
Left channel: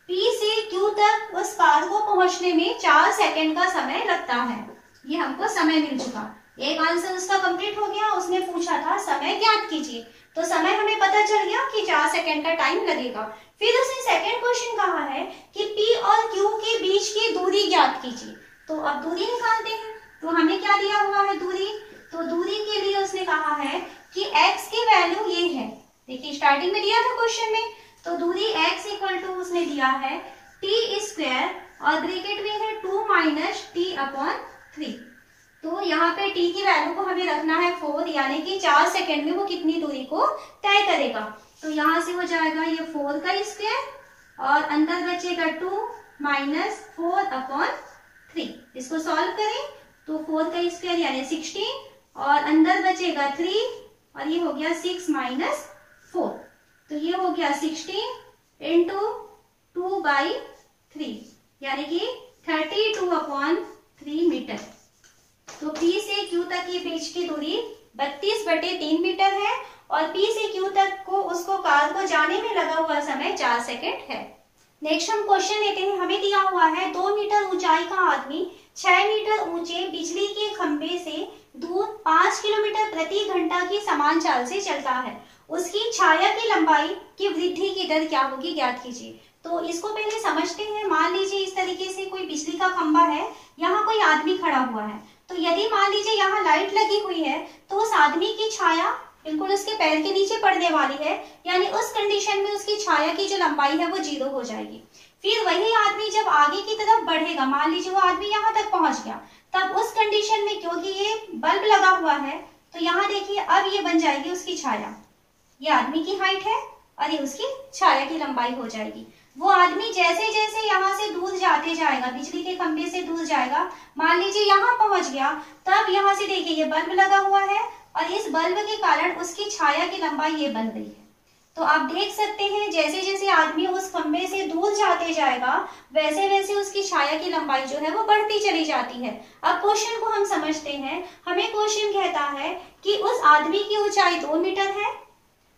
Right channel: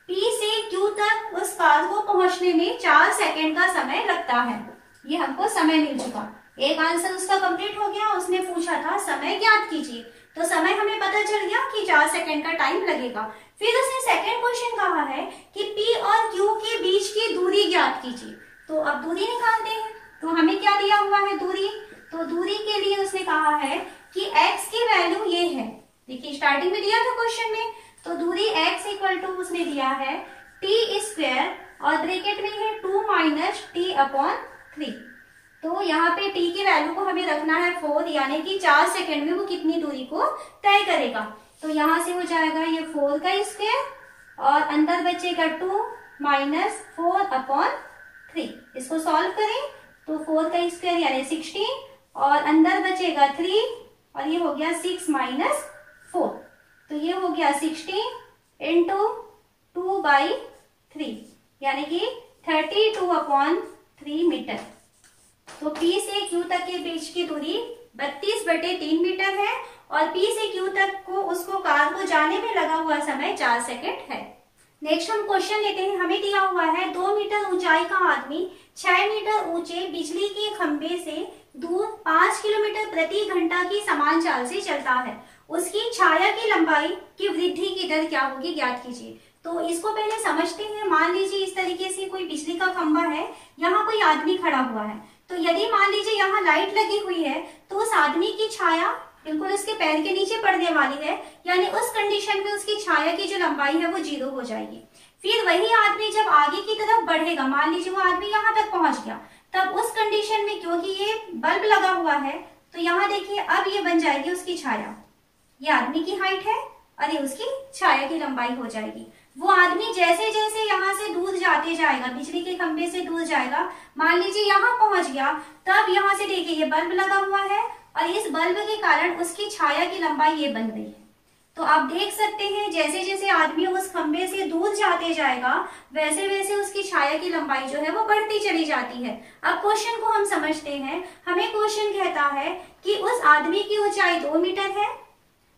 P से Q तक उस कार को पहुंचने में 4 सेकेंड का समय लगता है। ये हमको समय मिल चुका, एक आंसर उसका कंप्लीट हो गया। उसने पूछा था समय ज्ञात कीजिए, तो समय हमें पता चल गया कि 4 सेकेंड का टाइम लगेगा। फिर उसने सेकेंड क्वेश्चन कहा है कि P और Q के बीच की दूरी ज्ञात कीजिए। तो अब दूरी निकालते हैं। तो हमें क्या दिया हुआ है, दूरी। तो दूरी के लिए उसने कहा है कि x की वैल्यू ये है, देखिए स्टार्टिंग में दिया था क्वेश्चन में। तो दूरी x इक्वल टू उसने दिया है t² और ब्रैकेट में है 2 माइनस t/3। तो यहाँ पे t की वैल्यू को हमें रखना है 4, यानी कि 4 सेकेंड में वो कितनी दूरी को तय करेगा। तो यहाँ से हो जाएगा ये 4 का स्क्वायर और अंदर बचेगा 2 माइनस 4/3। इसको सॉल्व करें तो 4 का स्क्वायर यानी 16 और अंदर बचेगा 3 और ये हो गया 6 माइनस 4। तो ये हो गया 16 इंटू 2/3 यानी कि 32/3 मीटर। तो P से Q तक के बीच की दूरी 32/3 मीटर है और P से Q तक को उसको कार को जाने में लगा हुआ समय 4 सेकेंड है। नेक्स्ट हम क्वेश्चन लेते हैं। हमें दिया हुआ है 2 मीटर ऊंचाई का आदमी 6 मीटर ऊंचे बिजली के खंभे से दूर 5 किलोमीटर प्रति घंटा की समान चाल से चलता है। उसकी छाया की लंबाई की वृद्धि की दर क्या होगी, ज्ञात कीजिए। तो इसको पहले समझते हैं। मान लीजिए इस तरीके से कोई बिजली का खंभा है, यहाँ कोई आदमी खड़ा हुआ है। तो यदि मान लीजिए यहाँ लाइट लगी हुई है तो उस आदमी की छाया बिल्कुल उसके पैर के नीचे पड़ने वाली है, यानी उस कंडीशन में उसकी छाया की जो लंबाई है वो 0 हो जाएगी। फिर वही आदमी जब आगे की तरफ बढ़ेगा, मान लीजिए वो आदमी यहाँ तक पहुंच गया, तब उस कंडीशन में क्योंकि ये बल्ब लगा हुआ है तो यहाँ देखिए अब ये बन जाएगी उसकी छाया। ये आदमी की हाइट है और ये उसकी छाया की लंबाई हो जाएगी। वो आदमी जैसे जैसे यहाँ से दूर जाते जाएगा, बिजली के खंभे से दूर जाएगा, मान लीजिए यहाँ पहुंच गया, तब यहाँ से देखिए ये बल्ब लगा हुआ है और इस बल्ब के कारण उसकी छाया की लंबाई ये बन रही है। तो आप देख सकते हैं जैसे जैसे आदमी उस खंभे से दूर जाते जाएगा वैसे वैसे उसकी छाया की लंबाई जो है वो बढ़ती चली जाती है। अब क्वेश्चन को हम समझते हैं। हमें क्वेश्चन कहता है कि उस आदमी की ऊंचाई 2 मीटर है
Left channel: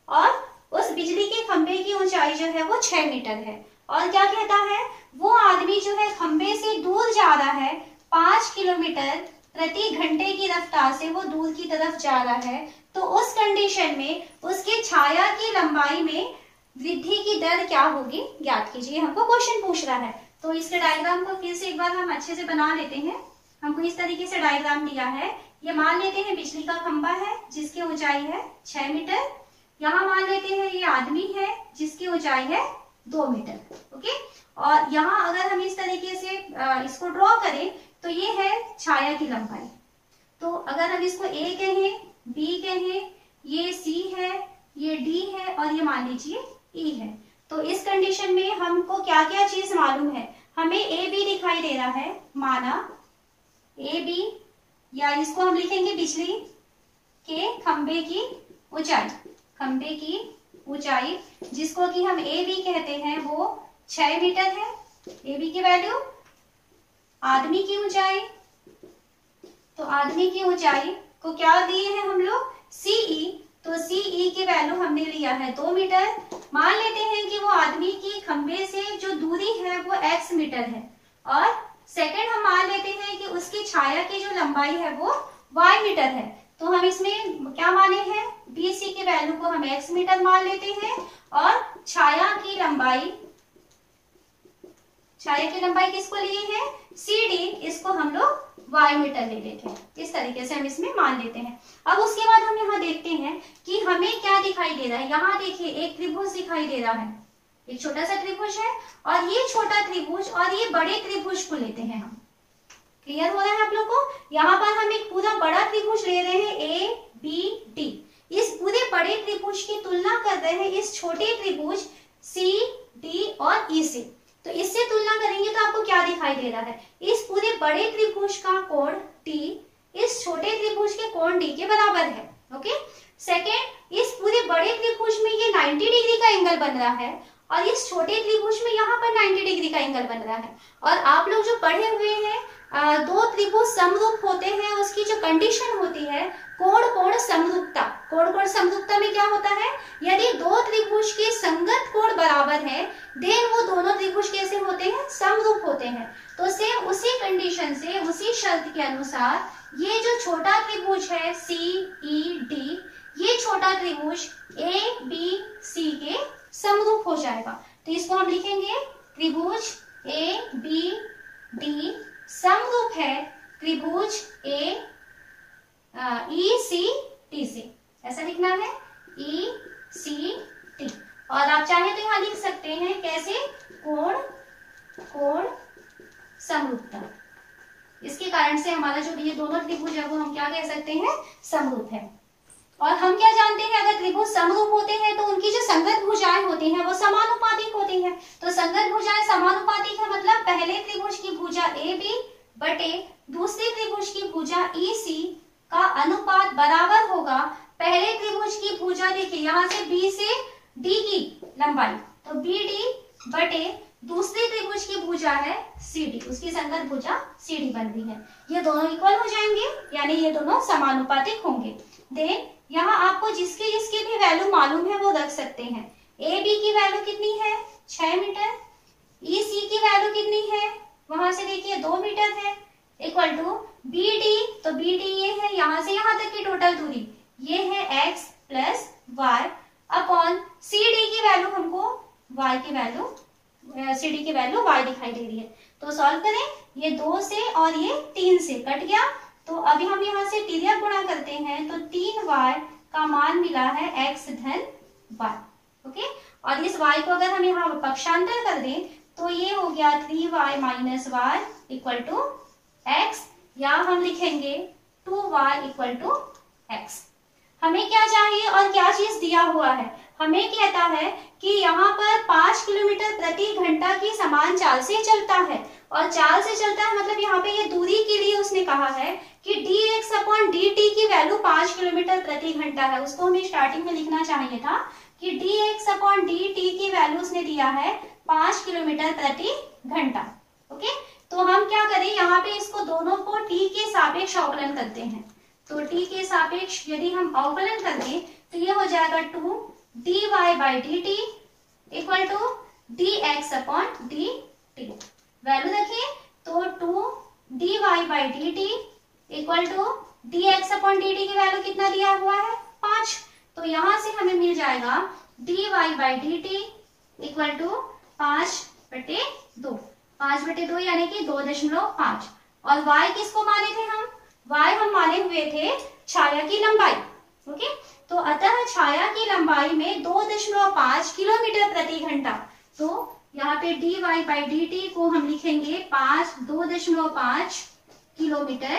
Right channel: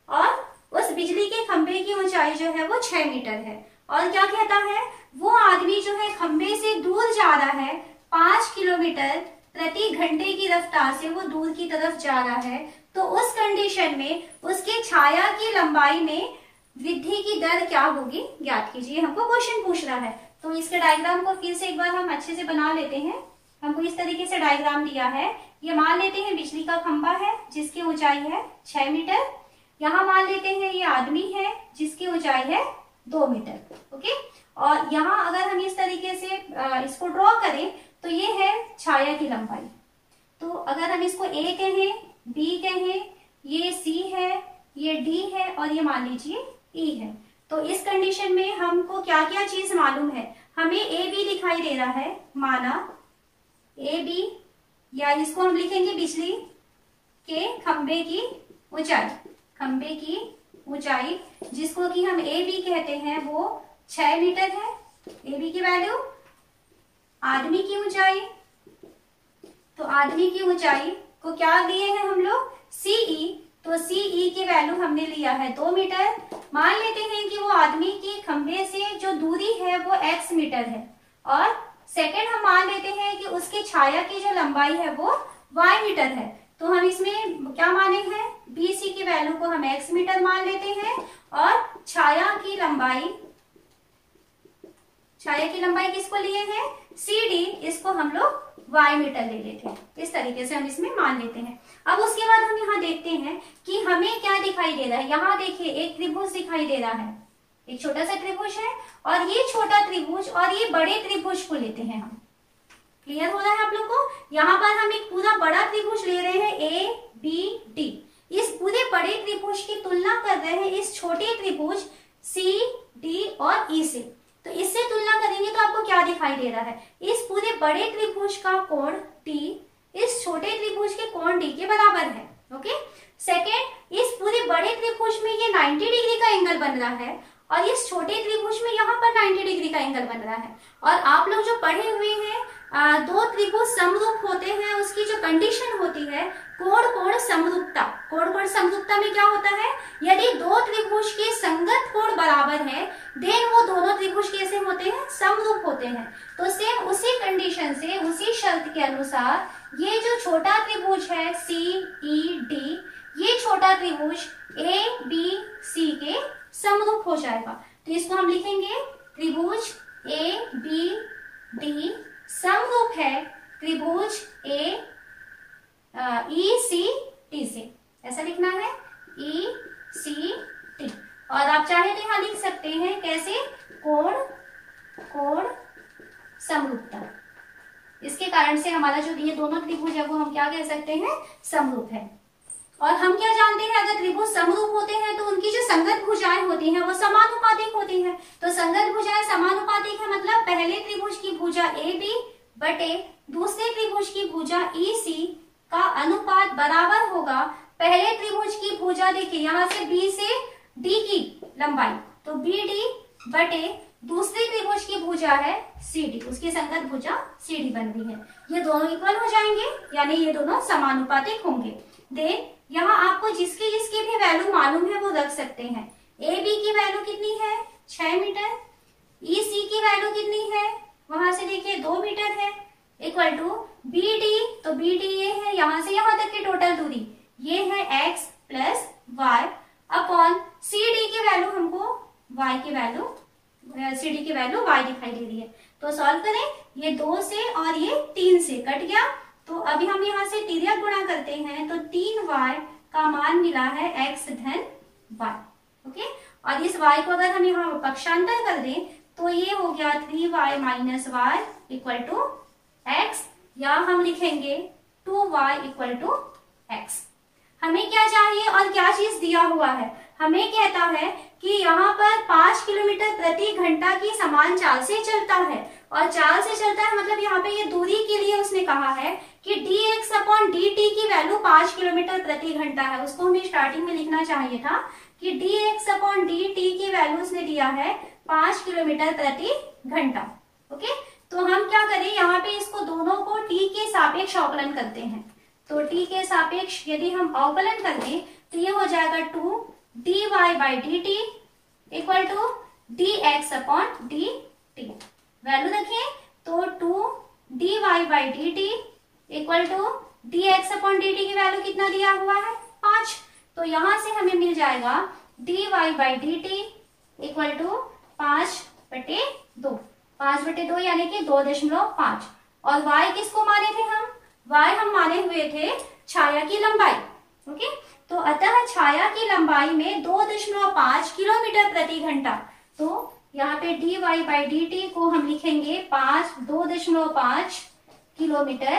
और उस बिजली के खंभे की ऊंचाई जो है वो 6 मीटर है। और क्या कहता है, वो आदमी जो है खंभे से दूर जा रहा है, 5 किलोमीटर प्रति घंटे की रफ्तार से वो दूर की तरफ जा रहा है। तो उस कंडीशन में उसके छाया की लंबाई में वृद्धि की दर क्या होगी, ज्ञात कीजिए। हमको क्वेश्चन पूछ रहा है। तो इसके डायग्राम को फिर से एक बार हम अच्छे से बना लेते हैं। हमको इस तरीके से डायग्राम दिया है। ये मान लेते हैं बिजली का खंभा है जिसकी ऊंचाई है 6 मीटर। यहाँ मान लेते हैं ये आदमी है जिसकी ऊंचाई है 2 मीटर। ओके, और यहाँ अगर हम इस तरीके से इसको ड्रॉ करें तो ये है छाया की लंबाई। तो अगर हम इसको ए कहें, बी कहें, ये सी है, ये डी है और ये मान लीजिए ई है। तो इस कंडीशन में हमको क्या क्या चीज मालूम है, हमें ए बी दिखाई दे रहा है, माना ए बी, या इसको हम लिखेंगे बिजली के खंभे की ऊंचाई, खंभे की ऊंचाई जिसको कि हम ए बी कहते हैं वो 6 मीटर है। ए बी की वैल्यू, आदमी की ऊंचाई, तो आदमी की ऊंचाई को क्या दिए हैं हम लोग, सीई। तो सीई की वैल्यू हमने लिया है 2 मीटर। मान लेते हैं कि वो आदमी की खंभे से जो दूरी है वो x मीटर है और सेकंड हम मान लेते हैं कि उसकी छाया की जो लंबाई है वो y मीटर है। तो हम इसमें क्या माने हैं, BC की वैल्यू को हम x मीटर मान लेते हैं और छाया की लंबाई किसको लिए हैं, CD, इसको हम लोग y मीटर ले लेते हैं। इस तरीके से हम इसमें मान लेते हैं। अब उसके बाद हम यहाँ देखते हैं कि हमें क्या दिखाई दे रहा है। यहाँ देखिए एक त्रिभुज दिखाई दे रहा है, एक छोटा सा त्रिभुज है और ये छोटा त्रिभुज और ये बड़े त्रिभुज को लेते हैं हम। क्लियर हो रहा है आप लोग को। यहाँ पर हम एक पूरा बड़ा त्रिभुज ले रहे हैं ABD। इस पूरे बड़े त्रिभुज की तुलना कर रहे हैं इस छोटे त्रिभुज CD और E से। तो इससे तुलना करेंगे तो आपको क्या दिखाई दे रहा है, इस पूरे बड़े त्रिभुज का कोण T इस छोटे त्रिभुज के कोण D के बराबर है। ओके, सेकेंड, इस पूरे बड़े त्रिभुज में ये 90 डिग्री का एंगल बन रहा है और इस छोटे त्रिभुज में यहाँ पर 90 डिग्री का एंगल बन रहा है। और आप लोग जो पढ़े हुए हैं दो त्रिभुज समरूप होते हैं, उसकी जो कंडीशन होती है कोण कोण समरूपता। कोण कोण समरूपता में क्या होता है, यदि दो त्रिभुज के संगत कोण बराबर है देन वो दोनों त्रिभुज कैसे होते हैं, समरूप होते हैं। तो सेम उसी कंडीशन से, उसी शर्त के अनुसार ये जो छोटा त्रिभुज है CED, ये छोटा त्रिभुज ABC के समरूप हो जाएगा। तो इसको हम लिखेंगे त्रिभुज ABD समरूप है त्रिभुज ECT से। ऐसा लिखना है ECT। और आप चाहे तो यहाँ लिख सकते हैं कैसे, कोण कोण समरूपता। इसके कारण से हमारा जो ये दोनों त्रिभुज है वो हम क्या कह सकते हैं, समरूप है। और हम क्या जानते हैं, अगर त्रिभुज समरूप होते हैं तो उनकी जो संगत भुजाएं होती हैं वो समानुपातिक होती हैं। तो संगत भुजाएं समानुपातिक है मतलब पहले त्रिभुज की भुजा AB बटे दूसरे त्रिभुज की भुजा EC का अनुपात बराबर होगा पहले त्रिभुज की भुजा, देखिए यहाँ से B से D की लंबाई, तो BD बटे दूसरे त्रिभुज की भुजा है CD, उसकी संगत भुजा CD बन रही है। ये दोनों इक्वल हो जाएंगे यानी ये दोनों समानुपातिक होंगे। देन यहाँ आपको जिसकी जिसकी भी वैल्यू मालूम है वो रख सकते हैं। AB की वैल्यू कितनी है, 6 मीटर। EC की वैल्यू कितनी है, वहां से देखिए 2 मीटर है, इक्वल टू BD, तो BD ये है यहाँ से यहाँ तक की टोटल दूरी, ये है x plus y upon CD की वैल्यू हमको y की वैल्यू, CD की वैल्यू y दिखाई दे रही है। तो सॉल्व करें, ये 2 से और ये 3 से कट गया। तो अभी हम यहाँ से तिर्यक गुणा करते हैं तो 3y का मान मिला है x धन y। ओके, और इस y को अगर हम यहाँ पक्षांतर कर दें तो ये हो गया 3y minus y equal to x, या हम लिखेंगे 2y इक्वल टू x। हमें क्या चाहिए और क्या चीज दिया हुआ है, हमें कहता है कि यहाँ पर 5 किलोमीटर प्रति घंटा की समान चाल से चलता है, और चाल से चलता है मतलब यहाँ पे ये दूरी के लिए उसने कहा है कि dx/dt की वैल्यू 5 किलोमीटर प्रति घंटा है। उसको हमें स्टार्टिंग में लिखना चाहिए था कि dx/dt की वैल्यू उसने दिया है 5 किलोमीटर प्रति घंटा। ओके, तो हम क्या करें, यहाँ पे इसको दोनों को t के सापेक्ष अवकलन करते हैं। तो t के सापेक्ष यदि हम अवकलन कर दें तो ये हो जाएगा 2dy/dt equal to dx/dt। Value देखिए, तो 2dy/dt इक्वल टू dx/dt की वैल्यू कितना दिया हुआ है 5। तो यहां से हमें मिल जाएगा dy/dt इक्वल टू 5/2, 5/2 यानी कि 2.5। और y किसको माने थे हम, y हम माने हुए थे छाया की लंबाई। ओके, तो अतः छाया की लंबाई में 2.5 किलोमीटर प्रति घंटा। तो यहाँ पे dy/dt को हम लिखेंगे 2.5 किलोमीटर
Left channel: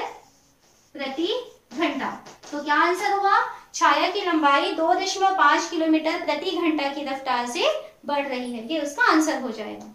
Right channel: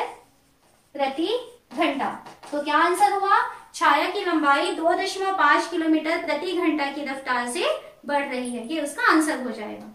प्रति घंटा। तो क्या आंसर हुआ, छाया की लंबाई 2.5 किलोमीटर प्रति घंटा की रफ्तार से बढ़ रही है, ये उसका आंसर हो जाएगा।